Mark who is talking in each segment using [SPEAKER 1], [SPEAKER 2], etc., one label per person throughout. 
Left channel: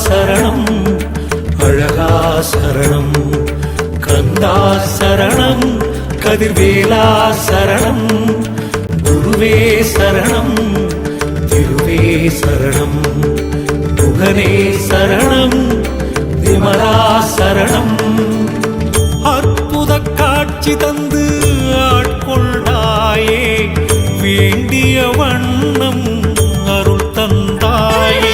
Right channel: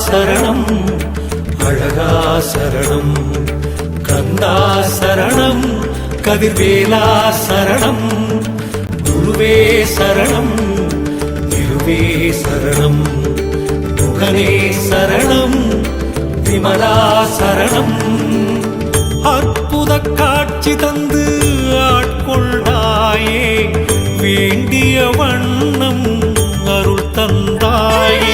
[SPEAKER 1] சரணம் அழகா சரணம் கந்தா சரணம் கதிர்வேலா சரணம் குருவே சரணம் திருவே சரணம் முகனே சரணம் விமலா சரணம்
[SPEAKER 2] அற்புத காட்சி தந்து ஆட்கொண்டாயே வேண்டிய வண்ணம் அருள் தந்தாயே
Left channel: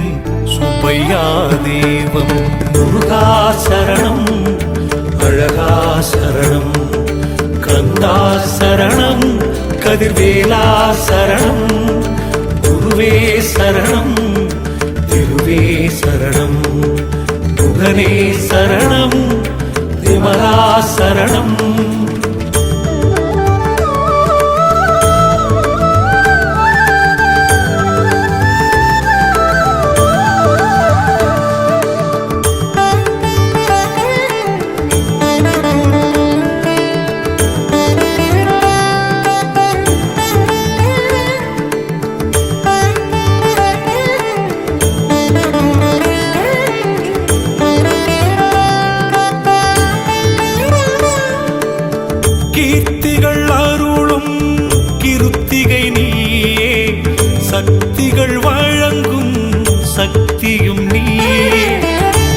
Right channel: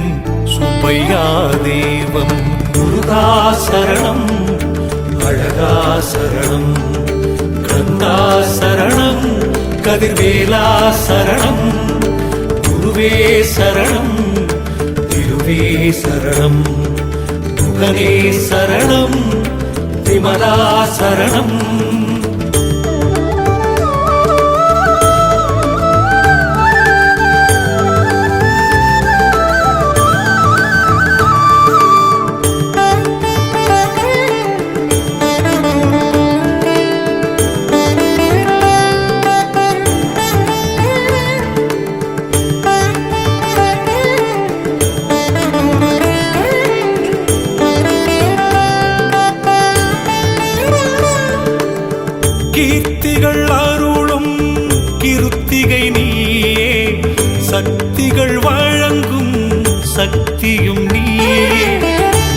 [SPEAKER 2] சுப்பையா தெய்வம் முருகா
[SPEAKER 1] சரணம் அழகா சரணம் கந்தா சரணம் கதிர்வேலா சரணம் குருவே சரணம் திருவே சரணம் புகனே சரணம் விமலா சரணம்
[SPEAKER 2] கீர்த்திகள் அருளும் கிருத்திகை நீயே. சக்திகள் வழங்கும் சக்தியும் நீயே.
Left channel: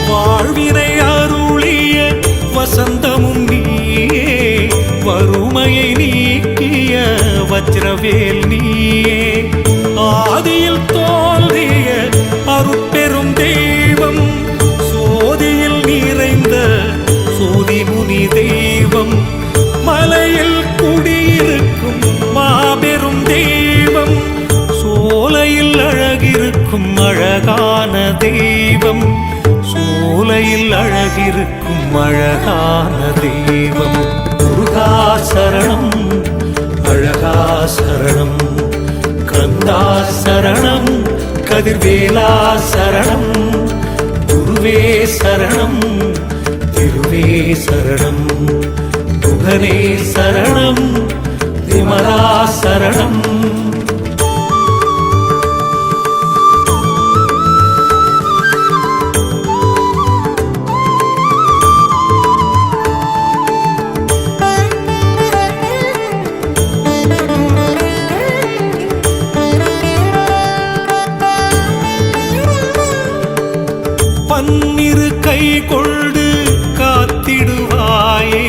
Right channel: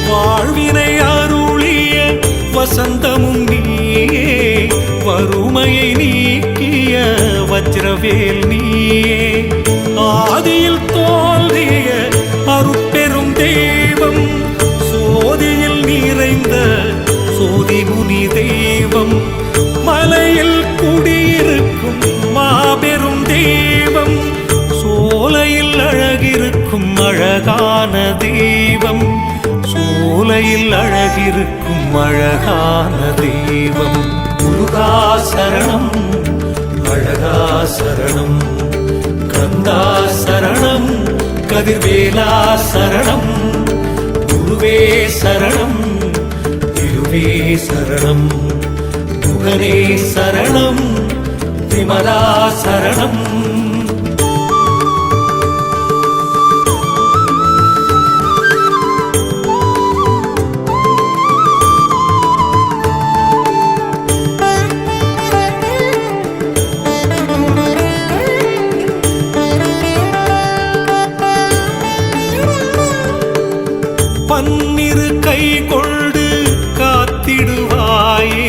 [SPEAKER 2] வாழ்வினை அருளிய வசந்தமும் நீயே. வறுமையை நீக்கிய வஜ்ரவேல் நீயே. ஆதியில் தோல்விய அருட்பெரும் தெய்வம் சோதியில் நிறைந்த சோதி முனி தெய்வம் மலையில் குடியிருக்கும் மாபெரும் தெய்வம் சோலையில் அழகிருக்கும் அழகான தெய்வம் சோலையில் அழகிருக்கும் அழகான தெய்வம். முருகா
[SPEAKER 1] சரணம் அழகா சரணம் கந்தா சரணம் கதிர்வேலா சரணம் குருவே சரணம் திருவே சரணம். முகனே சரணம் விமலா சரணம்.
[SPEAKER 2] பன்னிரு கை கொண்டு காத்திடுவாயே.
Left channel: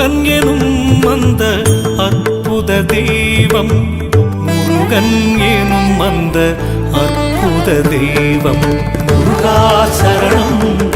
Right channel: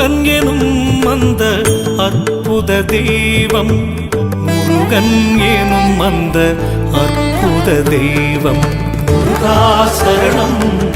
[SPEAKER 2] முருகன் எனும் அந்த அற்புத தெய்வம். முருகன் எனும் அந்த அற்புத தெய்வம். முருகா
[SPEAKER 1] சரணம்.